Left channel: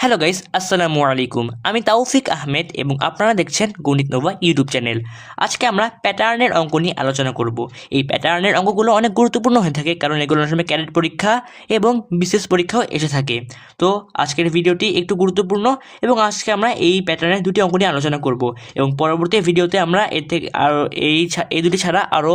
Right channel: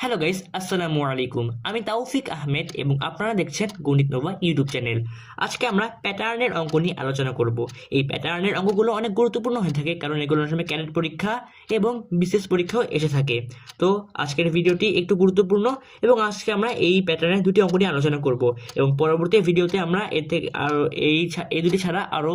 Hello guys, আসসালামু আলাইকুম। আমি তাওফিক আহমেদ এবং আপনারা দেখছেন গণিত নোভা ইউটিউব চ্যানেল। আজকে আমরা প্যাটার্নের অঙ্ক নিয়ে আলোচনা করব। এই প্যাটার্নের অঙ্কগুলো অনেক গুরুত্বপূর্ণ হয়ে থাকে, কারণ এগুলো অনেক সময় ক্যাডেট পরীক্ষা এবং বিশেষ পরীক্ষাও এসে থাকে। তো আজকের ভিডিওটি একটু গুরুত্বপূর্ণ এবং আজকে আমরা এই প্যাটার্নের দুটি অঙ্ক নিয়ে আলোচনা করব এবং পরবর্তী ভিডিওতে আমরা এর থেকে আরও এই দুটি ছাড়া আরও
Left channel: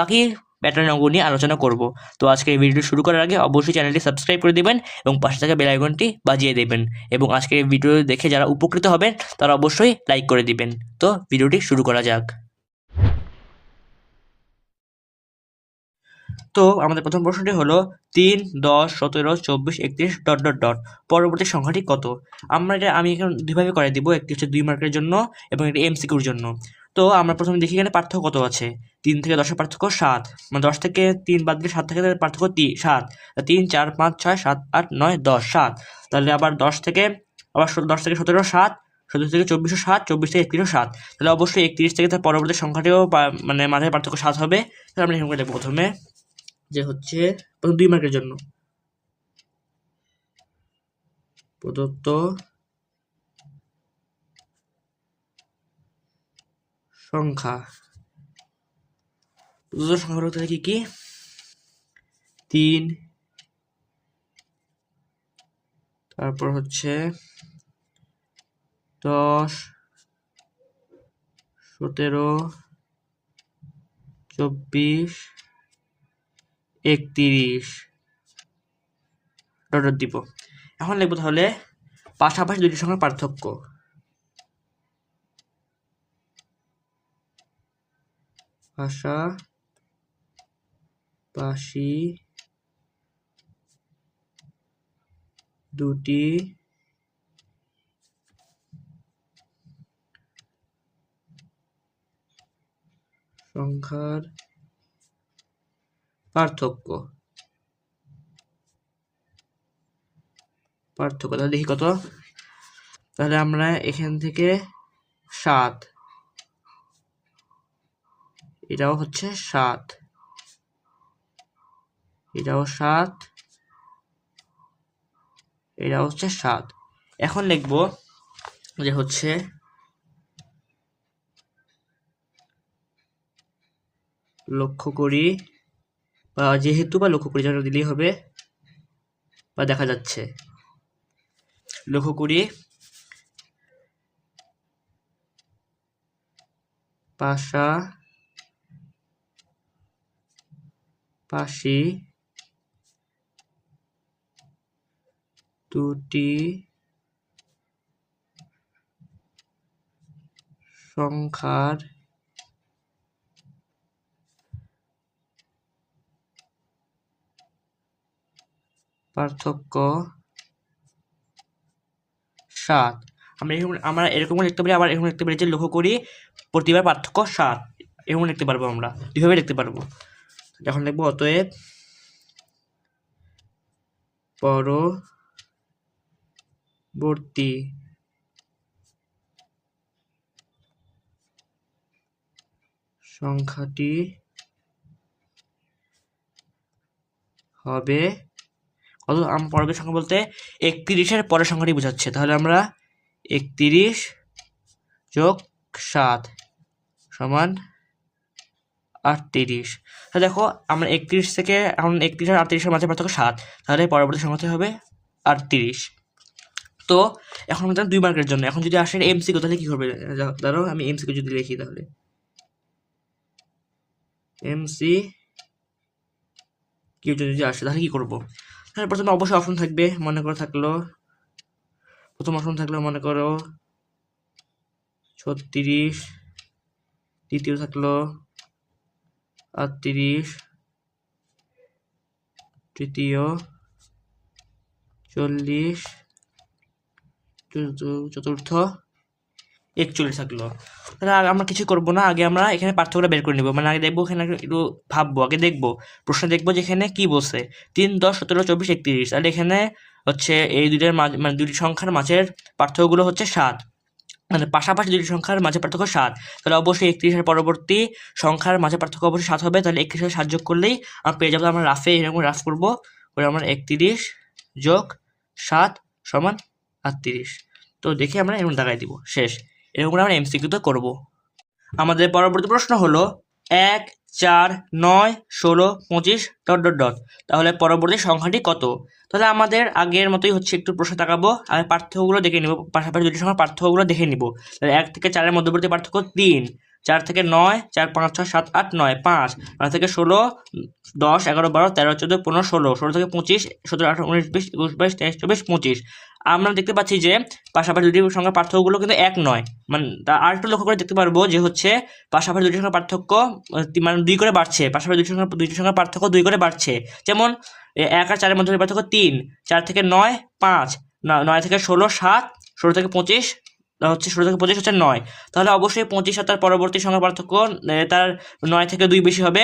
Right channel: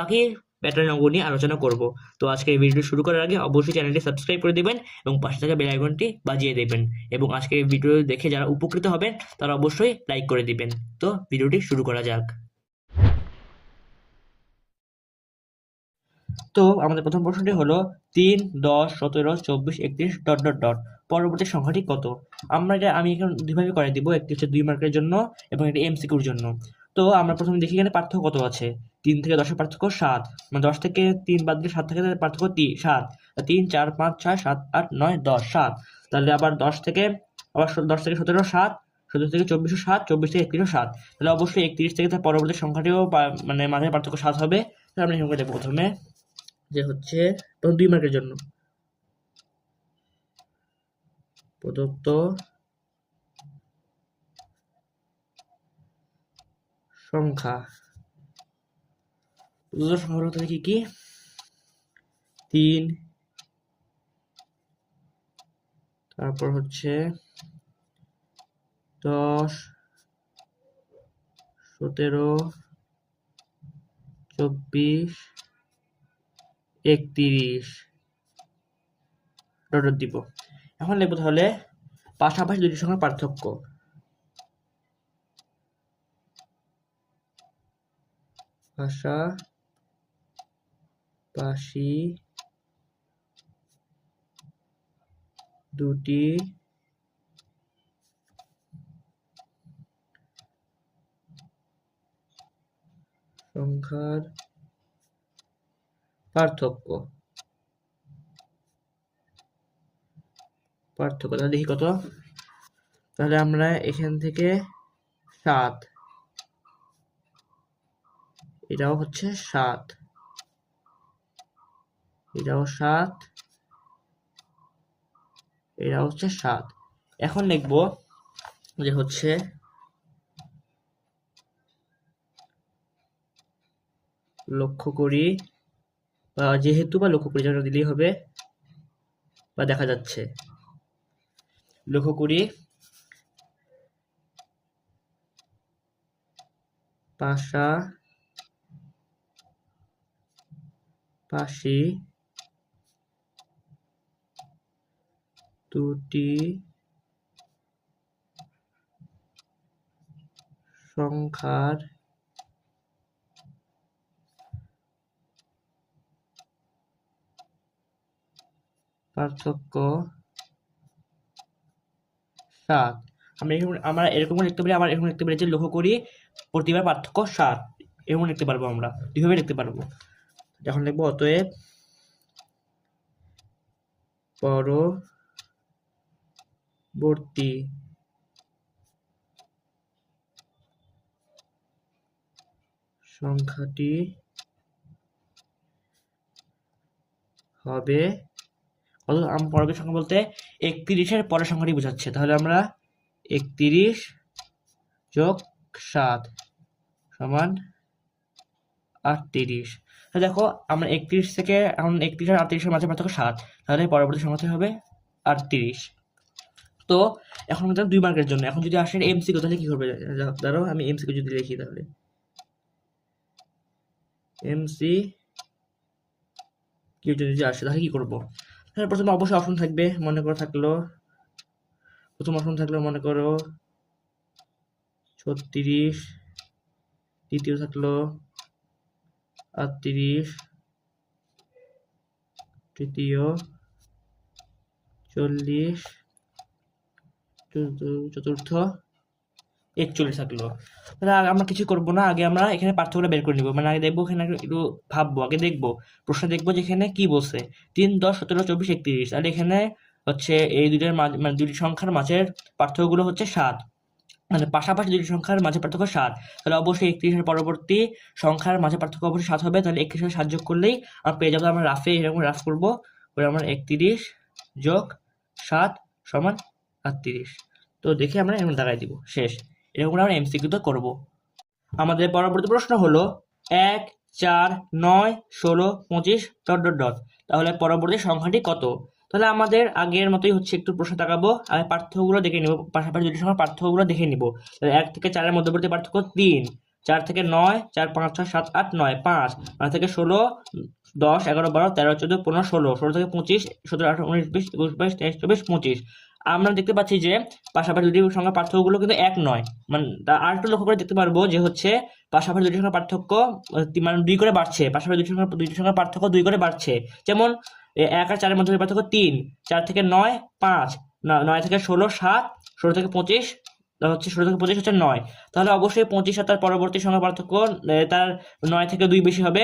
বাকি প্যাটার্ন অঙ্ক নিয়ে আলোচনা করব। তো আজকে এই ভিডিও শুরু করার আগে অবশ্যই চ্যানেলটি সাবস্ক্রাইব করে দেবেন এবং পাশে থাকা বেল আইকনটি বাজিয়ে দেবেন এবং আজকের এই ভিডিও দেখে যারা উপকৃত হবেন তারা অবশ্যই লাইক করে দিবেন। তো ভিডিওটি শুরু করা যাক। তো আমাদের প্রথম প্রশ্নটি হলো 3, 10, 17, 24, 31 ডট ডট ডট পরবর্তী সংখ্যাটি কত। আমি এখন দুইভাবে করে দিব, একটি হচ্ছে 2 মার্কের জন্য এবং একটি এমসিকিউর জন্য। তো আমরা প্রথমে দেখি এখানে পার্থক্য কত আছে। 3 থেকে 10-এর পার্থক্য 7, মানে 10 থেকে 3 বাদ দিয়ে 7 থেকে পার্থক্য 7, 3, 4, 5, 6, 7, 8, 9, 10, 7। তাহলে আবার 10 থেকে 17 7, 17 থেকে 24 7, 24 থেকে 31 7। তাহলে অবশ্যই 31 থেকে তার পরবর্তী সংখ্যাটিও মানে মাঝে পার্থক্য 7 হবে। তাহলে আমরা এরকম করে দেখবো প্রথমে যে হচ্ছে 2 মার্কের জন্য প্রদত্ত সংখ্যা হতে কি কি 3, তারপর হচ্ছে 10, 17, 24, 31 ডট দিব। এখন লিখবো তাহলে পাশাপাশি দুটি সংখ্যার পার্থক্য। পাশাপাশি দুটি সংখ্যার পার্থক্য তাহলে দেখি কত। তাহলে আমরা এখান থেকে 7, এটাও হচ্ছে 7, এটাও 7, এটাও হচ্ছে 7। এখন লিখব যে হচ্ছে লক্ষ্য করি বা যেহেতু বা লক্ষ্য করি যেন দিলেই হবে বা দেখা যাচ্ছে। লক্ষ্য করি পাশাপাশি দুটি সংখ্যার পার্থক্য 7। আমরা এরকম লিখতে পারি, আবার এরকম লিখতে পারি যে লক্ষ্য করি প্রতিবার পার্থক্য 7, এরকম লিখতে পারবো। আমরা দুইভাবে লিখতে পারবো। এখন লিখবো অতএব পরবর্তী সংখ্যাটি হবে কত। পরবর্তী সংখ্যা বলতে 31-এর পরের সংখ্যাটি বোঝাচ্ছে। তাহলে আমরা 31 যোগ 7 সমান 38। তাহলে দেখো আমরা 31 থেকে এখন 31 আর 38-এর মাঝে পার্থক্য 7, তাহলে পরবর্তী সংখ্যাটি হবে 38। তো এখন আমরা 2 মার্কের জন্য এখন যদি আসেন এমসিকিউ তাহলে কি করবে। ধরো আমি এমসিকিউ যদি লিখি, তাহলে এমসিকিউ যদি আসে তাহলে কি করব। তাহলে প্রথমে অবশ্যই অপশন থাকবে। প্রথম অপশন থাকলো মনে করো 36, দ্বিতীয় থাকলো 38, তৃতীয় 40, চতুর্থ 41 থাকলো। তাহলে আমরা কিছু করবো না, আগে আমরা এখানে পার্থক্যটা বের করে নিব। মানে আগে দেখবো, এখানে একটু ভাববো, আগে দেখবো প্রশ্ন দেখবো যে এখানে কি বলছে। 3, 10, 17, 24, 31। তাহলে এখানে হচ্ছে এই দুইটার মাঝে, মানে দুটি সংখ্যার মাঝের পার্থক্যগুলো হচ্ছে 7, মানে পাশাপাশি দুটি সংখ্যার মাঝে পার্থক্য 7। তাহলে অবশ্যই 31-এর পরবর্তী সংখ্যার মাঝে পার্থক্য অবশ্যই 7 হবে। তাহলে 31-এর 7 যোগ করলেই আমরা পেয়ে যাবো। আমরা রাফে এরকম রাফ করবো, আমরা 31 যোগ 7 সমান 38। তো দেখে আমরা এরকম দাগাই দিব, শেষ। এরকম করে আমরা এমসিকিউতে করব। আমাদের পরবর্তী প্রশ্ন হলো 1, 4, 9, 16, 25 ... তাহলে পরবর্তী সংখ্যাটি কত? তাহলে আমাদের আগের মতোই হচ্ছে, একটু প্রশ্ন তাকাবো আর পার্থক্যগুলো দেখে নিব, পাশাপাশি দুটি সংখ্যার পার্থক্যগুলো দেখে নিব। তাহলে 1 থেকে 4 এর মধ্যবর্তী পার্থক্য 3, 4 থেকে 9, 4, 5, 6, 7, 8, 9, 5, 9 থেকে 16, 10, 11, 12, 13, 14, 15, 16, 16 থেকে 25, 17, 18, 19, 20, 21, 22, 23, 24, 25। আমরা দেখতে পাচ্ছি যে পাশাপাশি দুটি সংখ্যার পার্থক্যগুলো কিন্তু এক নয়। মানে আর একটু লক্ষ্য করে দেখতে পারবো যে হচ্ছে পাশাপাশি দুটি সংখ্যার পার্থক্য মানে 2 করে বাড়ছে, পাশাপাশি দুটি সংখ্যার পার্থক্য 2 করে বাড়ছে। যেমন 1 আর 4 এর মধ্যে পার্থক্য 3, 4 থেকে 9, 5, 9 থেকে 16, 7, 16 থেকে 25 হচ্ছে, 16 থেকে 25 হচ্ছে 9। তাহলে অবশ্যই 25 আর তার পরবর্তী সংখ্যার পার্থক্য তার 9 থেকে 2 বেশি হবে।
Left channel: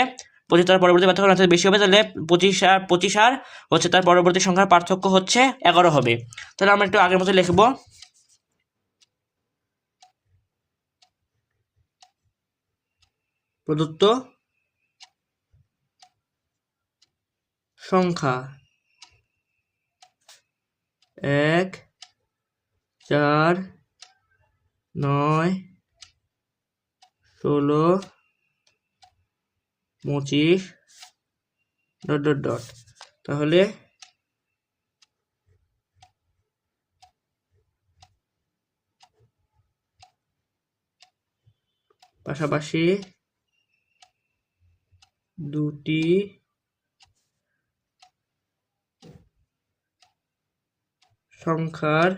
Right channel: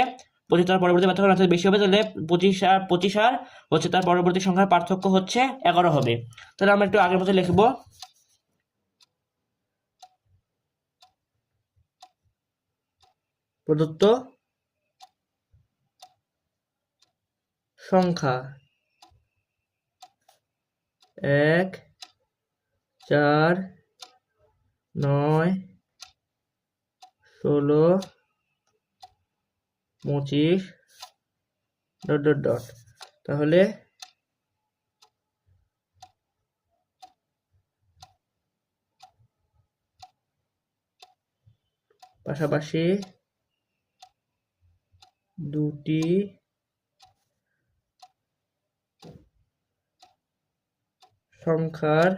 25 তার পরবর্তী পার্থক্য 9 থেকে বেশি হবে, তাহলে 25 আর হচ্ছে তার পরবর্তী সংখ্যার পার্থক্য হচ্ছে 11 হবে। তাহলে আমরা একটু আগের মতো লিখবো। প্রদত্ত সংখ্যা 1, 4, 9, 16, 25 ... তাহলে পাশাপাশি দুটি সংখ্যার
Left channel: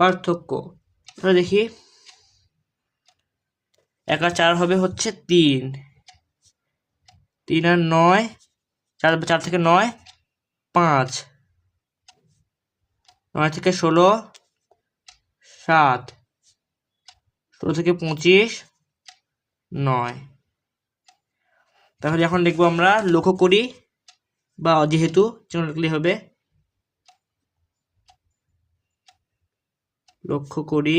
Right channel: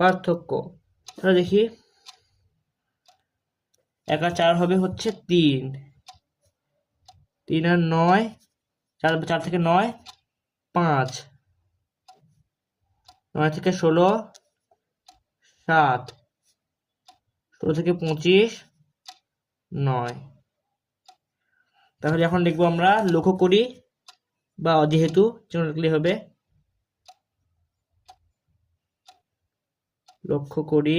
পার্থক্য, আমরা দেখি 1 আর 4 হবে হচ্ছে 3, 3 আর 9, 4 থেকে 9, 5, 9 থেকে 16, 7, 16 থেকে 25, 9। তাহলে এখন দেখবো আমরা লক্ষ্য করি, বা যেহেতু লিখলে হবে লক্ষ্য করি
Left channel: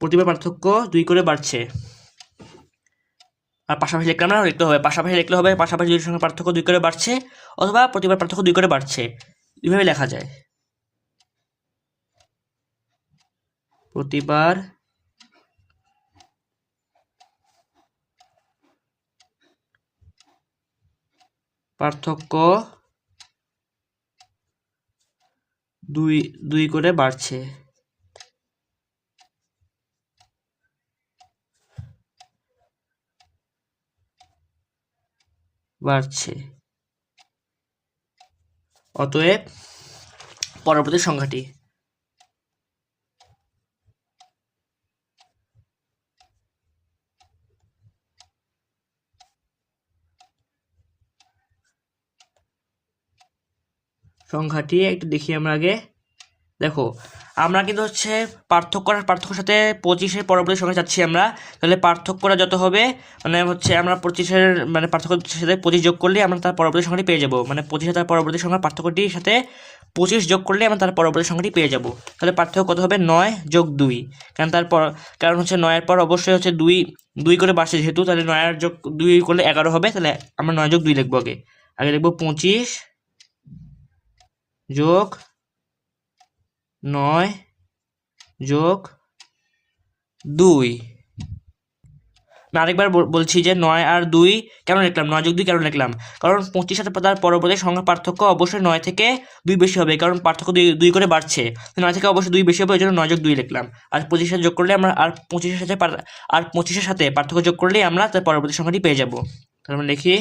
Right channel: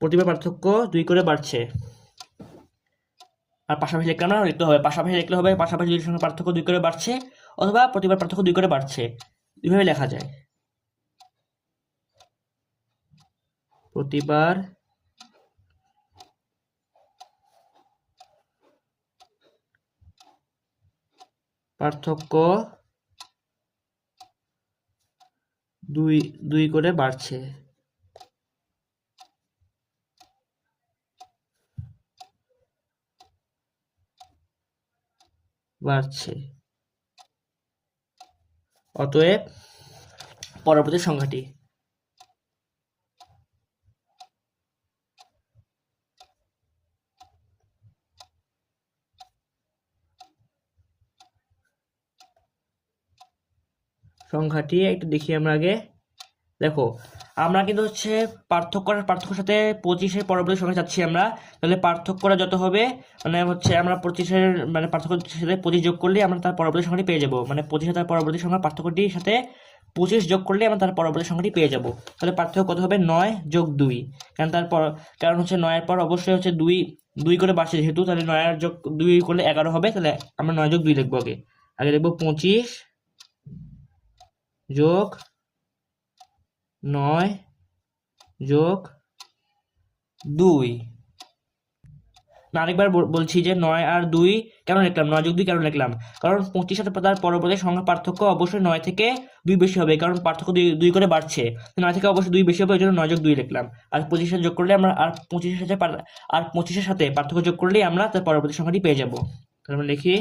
প্রতিবার পার্থক্য 2 করে বাড়ছে। আর পাশাপাশি লিখলাম না, লিখতে হবে পাশাপাশি লিখলে হবে পাশাপাশি দুটির সঙ্গে পার্থক্য 2 করে বাড়ছে, অথবা প্রতিবার পার্থক্য 2 করে বাড়ছে, এইভাবে লেখা যায়। প্রতিবার পার্থক্য 2 করে বাড়ছে। অতএব পরবর্তী সংখ্যাটি একটু দেখি আমরা আগে। দেখো আমরা কিন্তু হচ্ছে পার্থক্যর সাথে 25-এর পরবর্তী সংখ্যা যাচ্ছি আমরা। তাহলে পার্থক্যটা যত হবে, মানে হচ্ছে আমরা 25-এর মানে পার্থক্যের সাথে 25 যোগ করলে আমরা তার পরবর্তী সংখ্যাটি পেয়ে যাবো। মানে 25-এর তার পরবর্তী সংখ্যার পার্থক্যটির সাথে 25 যোগ করলে আমরা তার পরবর্তী সংখ্যাটি পেয়ে যাবো। তাহলে পার্থক্য কত হবে? 9 যোগ 2। কারণ হচ্ছে 9-এর পর অবশ্যই হচ্ছে 2 করে বাড়ছে যেহেতু, তাহলে 9 আর যোগ 2 করলে 11 হবে। তাহলে আমরা 9 যোগ 2 লিখবো। আগে লিখবো 25 যোগ 9 যোগ 2। আমি আরেকবার বলছি যে 9 আর 2 কেন লিখলাম, 9 যোগ 2 কেন লিখলাম? কারণ 25 সাথে তার পরবর্তী সংখ্যার পার্থক্য অবশ্যই 9 থেকে 2 বেশি হবে, কারণ পার্থক্য 2 করে বাড়ছে। 9 থেকে অবশ্যই 2 বেশি হবে, ওই জন্য 9 যোগ 2 লিখলাম। আর 25 সাথে যোগ করলে আমরা আর 25-এর সাথে পার্থক্য যোগ করলেই আমরা তার পরবর্তী সংখ্যাটি পেয়ে যাব। তাহলে আমরা লিখি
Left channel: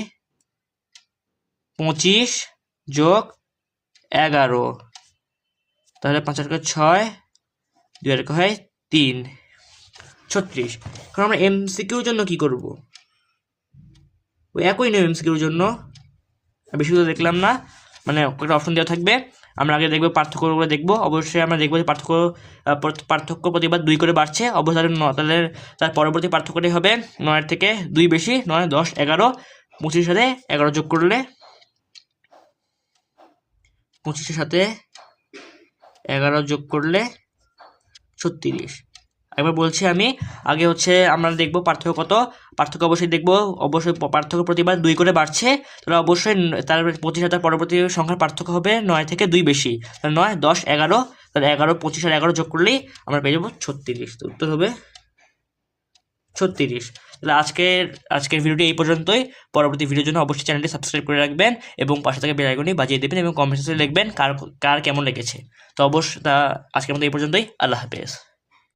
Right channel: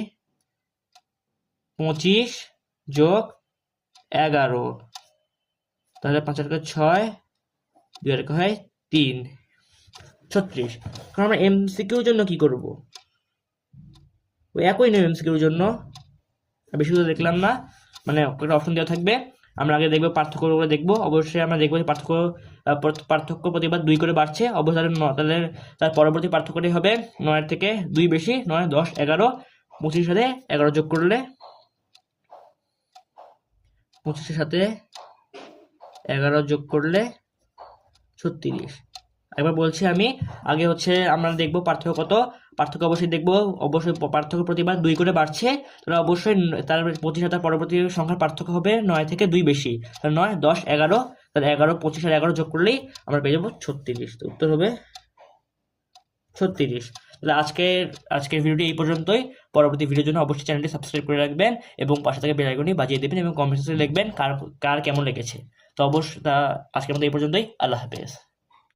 25 যোগ 11। তাহলে 5 আর 6, 2 আর 3, 36। এখন আমরা এমসিকিউর জন্য কি করব? ওই একই নিয়ম এমসিকিউর জন্য, বেশি কিছু দেখলাম না, মানে একটা অপশন দেওয়া থাকবে। আমরা আগে দেখবো পার্থক্যগুলো দেখবো। অবশ্যই আমরা দেখবো যে পার্থক্য প্রতিবার 2 করে বাড়ছে। অবশ্যই তাহলে তার পরবর্তী পার্থক্যটি হবে 9 থেকে 2 বেশি, 9, 10, 11। 25-এর সাথে 11 যোগ করলে 25-এর সাথে 11 যোগ করলে 36। একবার বলছি আমি। আগে হচ্ছে আমরা দেখব পার্থক্য কত। পার্থক্য অবশ্যই দেখবো, অবশ্যই পার্থক্য প্রতিবার 2 করে বাড়ছে, তাহলে অবশ্যই তার 25,000 পরবর্তী সংখ্যার পার্থক্য হবে 9 থেকে 2 বেশি, তাহলে 9, 10, 11, তাহলে 11, 25 আর 11 যোগ করলেই আমরা পেয়ে যাবো 36। তো উত্তর হবে 36। তাহলে আজকের ভিডিওটি এই পর্যন্তই। পরবর্তী ভিডিওর জন্য অবশ্যই চ্যানেলটি সাবস্ক্রাইব করে রাখবেন এবং পাশে থেকে বেল আইকনটি বাজিয়ে দেবেন এবং কমেন্ট সেকশনে লিখবেন কার কার কেমন লেগেছে। তো আজকের মতো এই পর্যন্তই। আল্লাহ হাফেজ।